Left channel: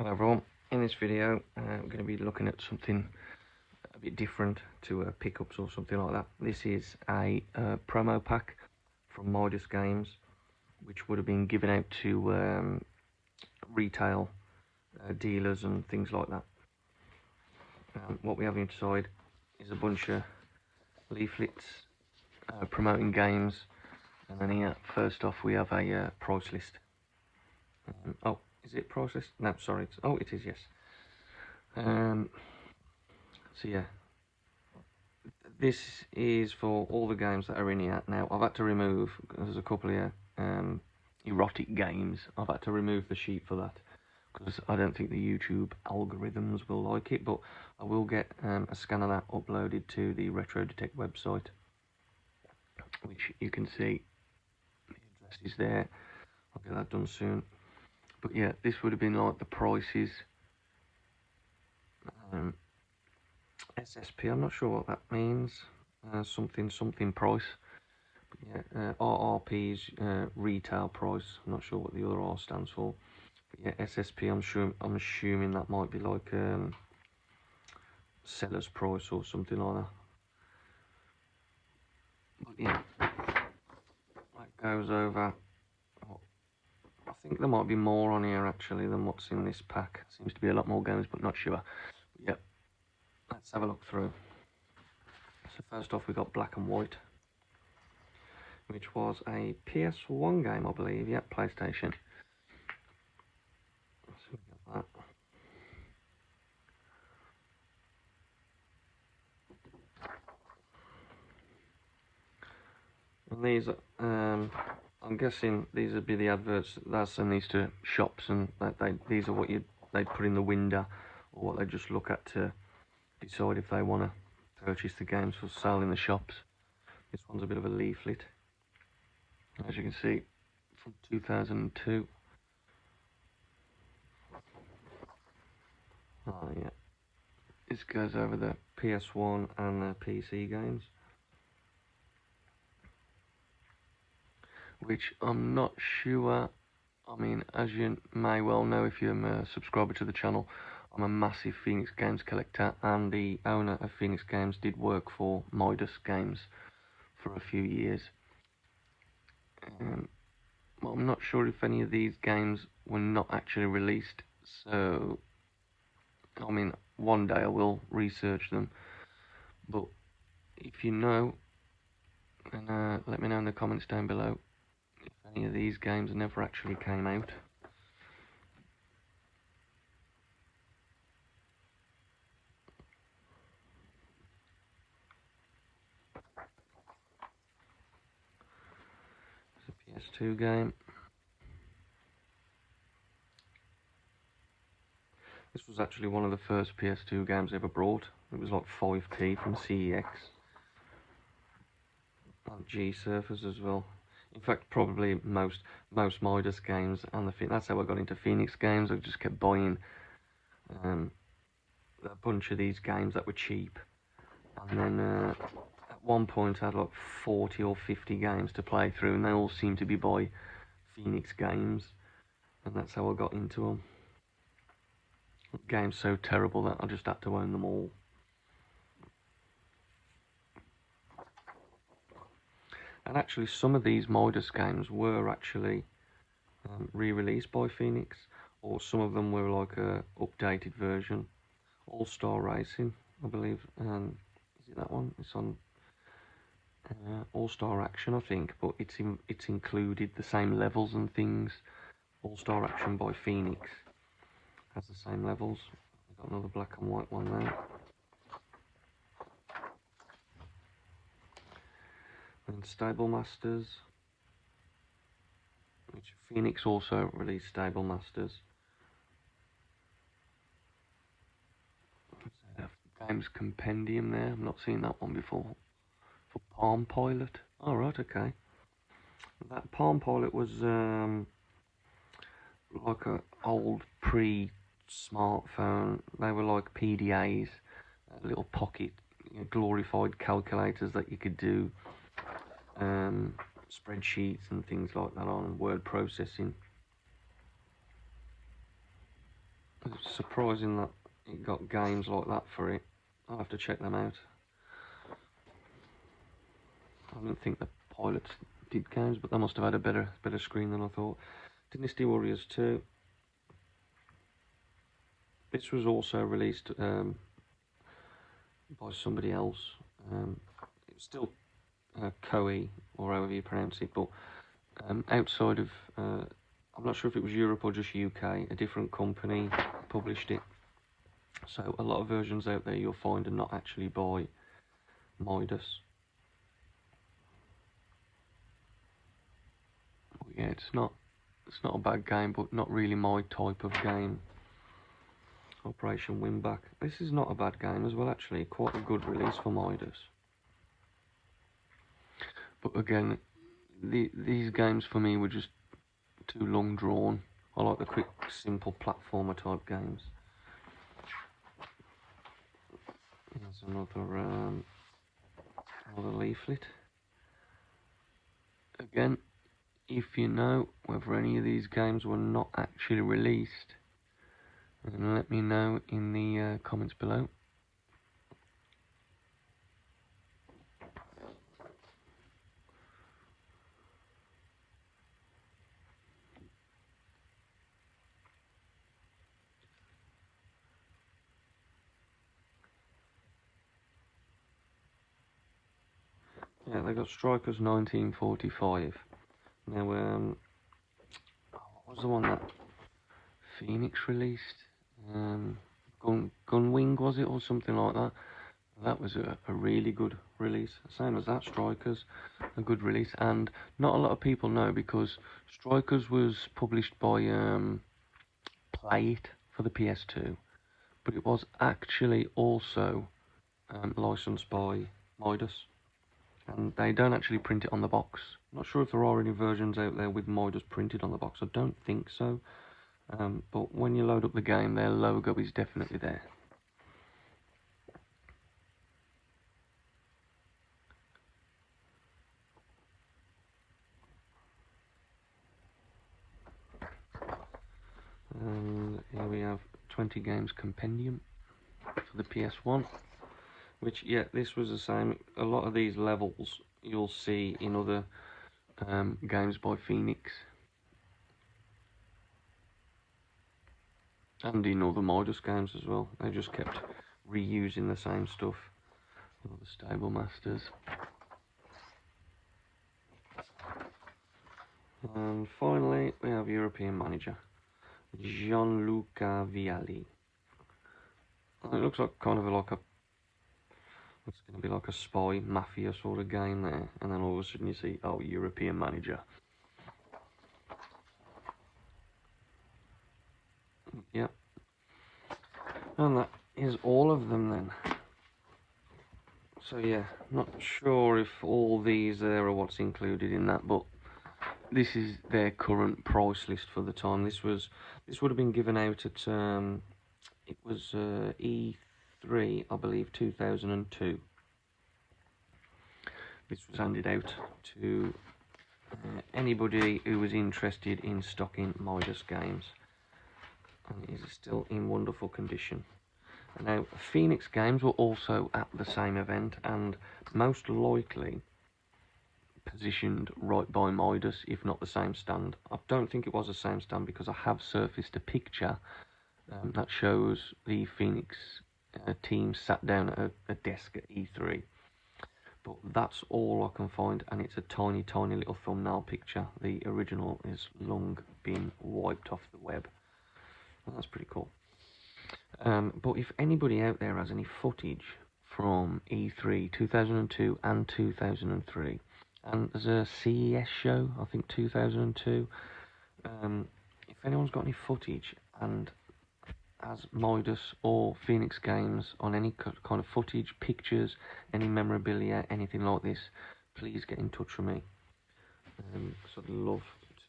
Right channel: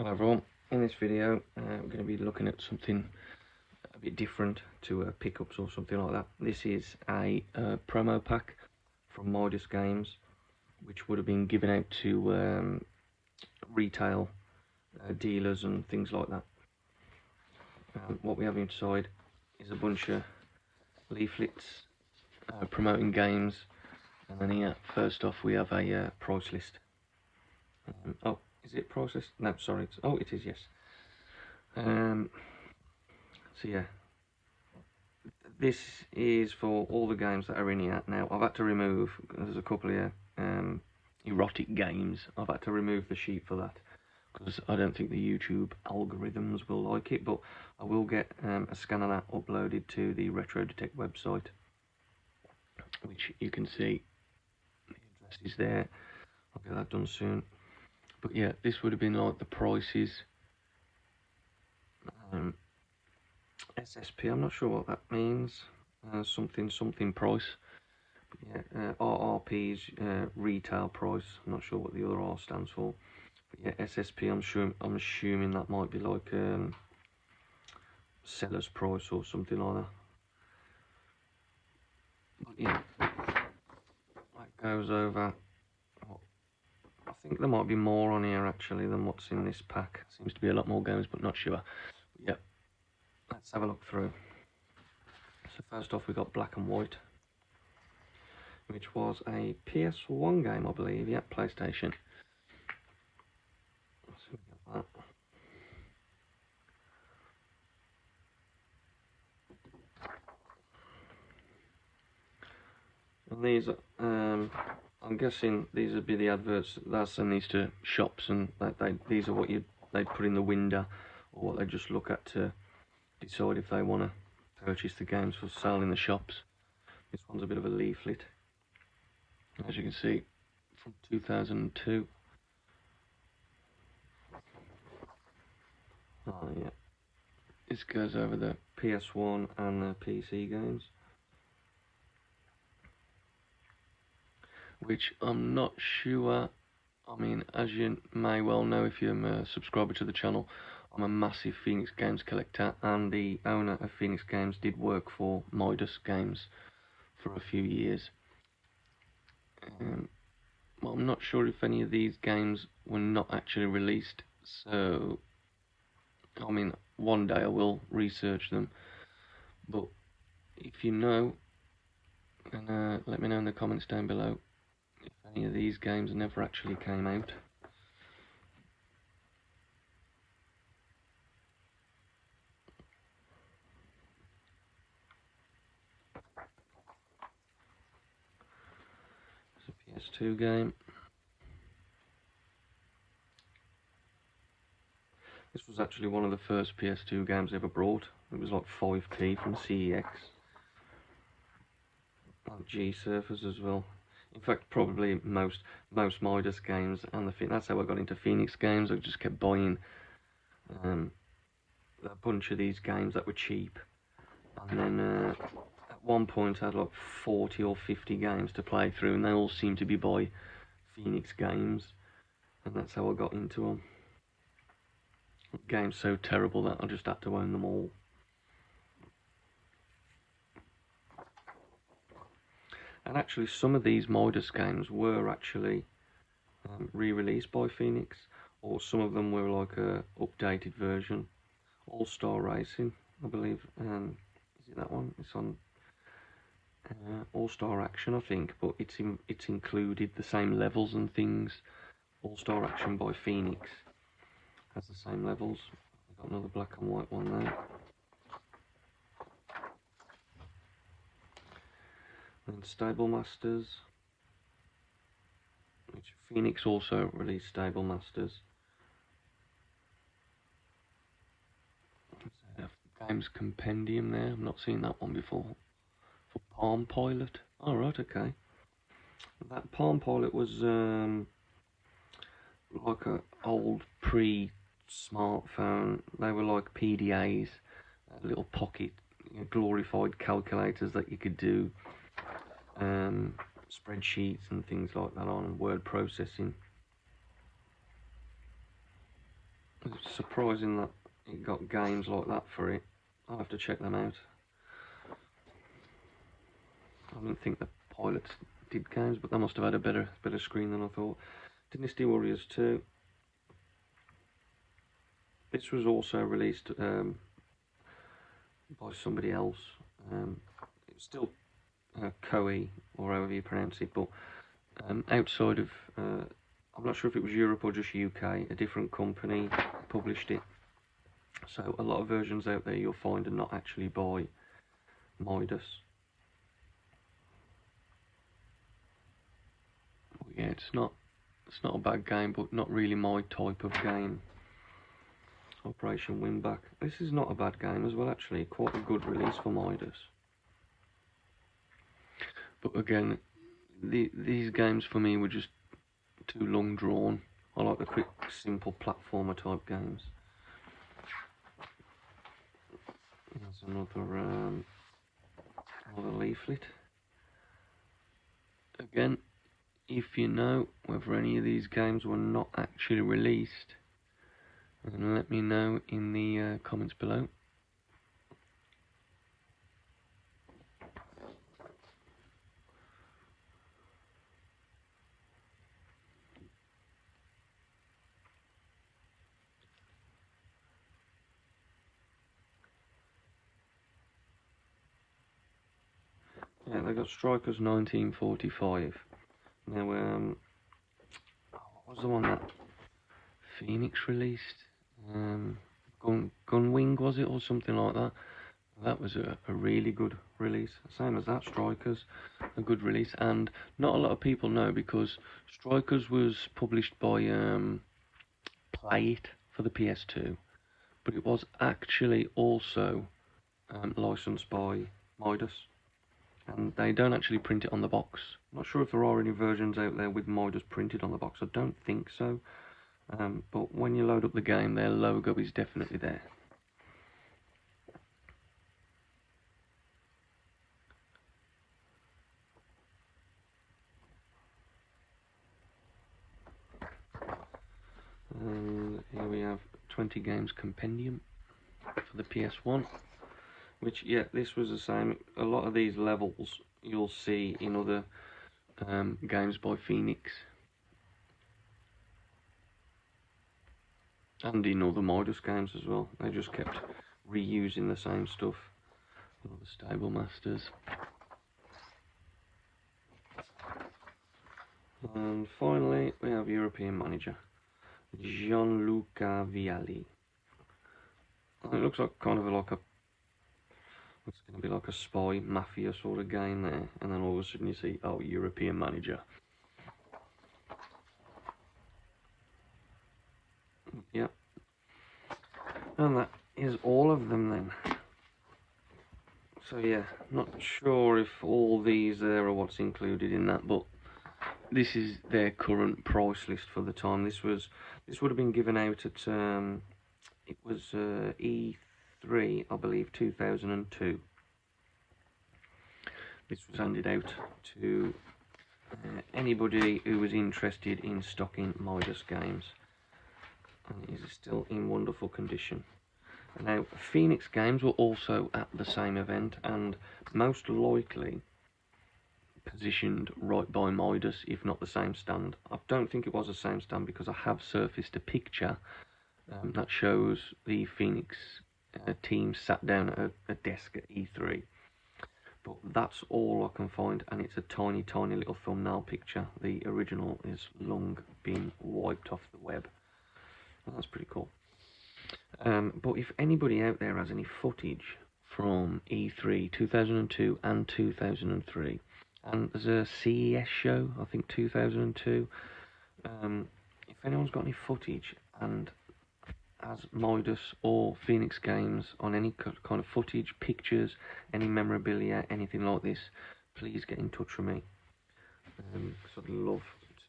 Hello everyone, in this video we're going to be looking at something a bit different to pickups or something like that. This is a promo pack from Midas games which would have been given out to retail dealers and things like that. What we have inside is a bunch of leaflets promoting games, and then here first off we have a price list. Oh, is it price list? No, sorry. Oh, it is, yes. So yeah, this is for all the games that are in here. Now I've had to remove, there's a couple here, erotic games. I've had to remove the sheet for that because I don't think the YouTube algorithms will like it, but I will get a scan of that uploaded to the Retro Detect website, which you can see the address is there. I'll get that done soon. But yeah, this would have been like the prices. SSP, I'm not sure what that means. Something price. But yeah, RRP's retail price. I'm not sure what the other R stands for. But yeah, SSP. I'm assuming that might be like seller's price or something like that. But yeah, that goes over. I think there might be more on here actually than what's in this pack. Seems to be a lot more games, but not sure. But yeah, let's have a look through. So first off, we got Black and White, which was a PS1 game, I believe. Yeah, PlayStation. So we got that. And these, I'm guessing these would be the adverts that send these to shops, and these are what they'd put in the window, or what they just look at to decide if they want to purchase the games for sale in the shops. This one's a bit of a leaflet, as you can see, from 2002. Oh yeah, this goes over the PS1 and the PC games, which I'm not sure. I mean, as you may well know if you're a subscriber to the channel, I'm a massive Phoenix Games collector, and the owner of Phoenix Games did work for Midas Games for a few years. Well, I'm not sure if any of these games were not actually released, so I mean, one day I will research them, but if you know, and let me know in the comments down below if any of these games never actually came out. It's a PS2 game. This was actually one of the first PS2 games ever brought. It was like 5p from CEX. And G-Surfers as well. In fact, probably most Midas games, and that's how I got into Phoenix Games. I just kept buying a bunch of these games that were cheap, and then at one point I had like 40 or 50 games to play through, and they all seemed to be by Phoenix Games, and that's how I got into them. Games so terrible that I just had to own them all. And actually some of these Midas games were actually re-released by Phoenix, or some of them were like a updated version. All-Star Racing, I believe, is it that one? It's on All-Star Action, I think, but it's included the same levels and things. All-Star Action by Phoenix has the same levels. We've got another black and white one there. And Stable Masters, which Phoenix also released Stable Masters. Games Compendium there, I've not seen that one before. For Palm Pilot. Oh right, okay. That Palm Pilot was like an old pre-smartphone. They were like PDAs, little pocket, glorified calculators that you could do spreadsheets and things like that on, and word processing. There's surprising that it got games like that for it. I'll have to check them out. I didn't think the pilots did games, but they must have had a better screen than I thought. Dynasty Warriors 2. This was also released by somebody else. It's still Koei, or however you pronounce it, but outside of, I'm not sure if it was Europe or just UK, a different company published it. So a lot of versions out there you'll find are not actually by Midas. But yeah, it's not a bad game, but not really my type of game. Operation Winback. This is not a bad game as well, actually. Quite a good release for Midas. But again, these games for me were just too long drawn. I like the quick, simple platformer type games. Here's another leaflet. Again, if you know whether any of these games were not actually released, and let me know in the comments below. Yeah, they got Strikers 1945. Now, what was the one that Phoenix released? Gunwing, was it, or something like that? That was a really good release. Same as that, Strikers, a good release. And not a lot of people know, because Strikers was published by Play It for the PS2, but it was actually also licensed by Midas. And they don't actually print it on the box. Not sure if there are any versions out there with Midas printed on the box. I don't think so. But when you load up the game, their logo is definitely there. Here we have 20 games compendium for the PS1. Which, yeah, this was the same. A lot of these levels you'll see in other games by Phoenix, and in other Midas games as well. They just kept reusing the same stuff. All the Stable Masters. And finally, we have European Manager, Gianluca Vialli. It looks like kind of like a, it's going to be like a spy mafia sort of game there, and then all of a sudden you see, oh, European Manager. Yep. And that is all of them then. So yeah, not sure if all these there are what's included in that, but this is their current price list for the time. This would have been given out at it was E3, I believe, 2002. This was handed out to anybody who was interested in stocking Midas games, and it is still in wonderful condition. Now, Phoenix games were also at the same event, and most likely positioned right by Midas, if not the same stand. I don't think it was the same stand, because I have surfaced a picture that shows the Phoenix team sat down at a desk at E3. But that's all I can find, and it's a tiny, tiny little thumbnail picture. The original is long been wiped off the web. And that's pretty cool. But if anybody out there has any footage from E3 2002 and 2003, and there's a CES show, I think 2002, if anyone's got any footage and has Midas or Phoenix games on any kind of footage, pictures, any memorabilia, anything like this, please get in touch with me. So I'd love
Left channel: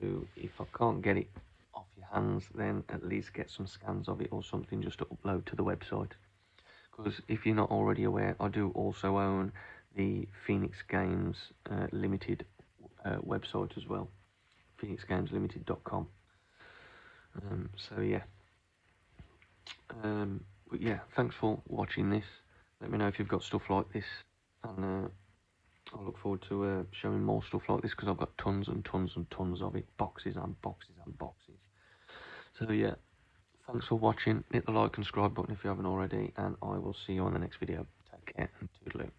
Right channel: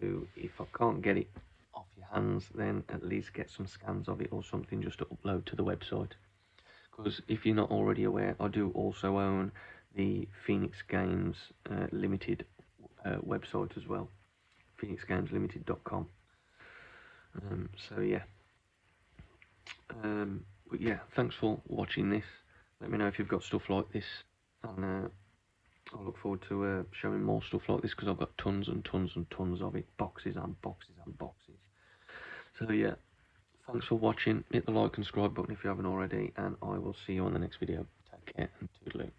to, if I can't get it off your hands, then at least get some scans of it or something just to upload to the website. Because if you're not already aware, I do also own the Phoenix Games Limited website as well, phoenixgameslimited.com. So yeah, But yeah, thanks for watching this. Let me know if you've got stuff like this, and I look forward to showing more stuff like this, because I've got tons and tons and tons of it, boxes and boxes and boxes. So yeah, thanks for watching. Hit the like and subscribe button if you haven't already, and I will see you on the next video. Take care and toodaloo.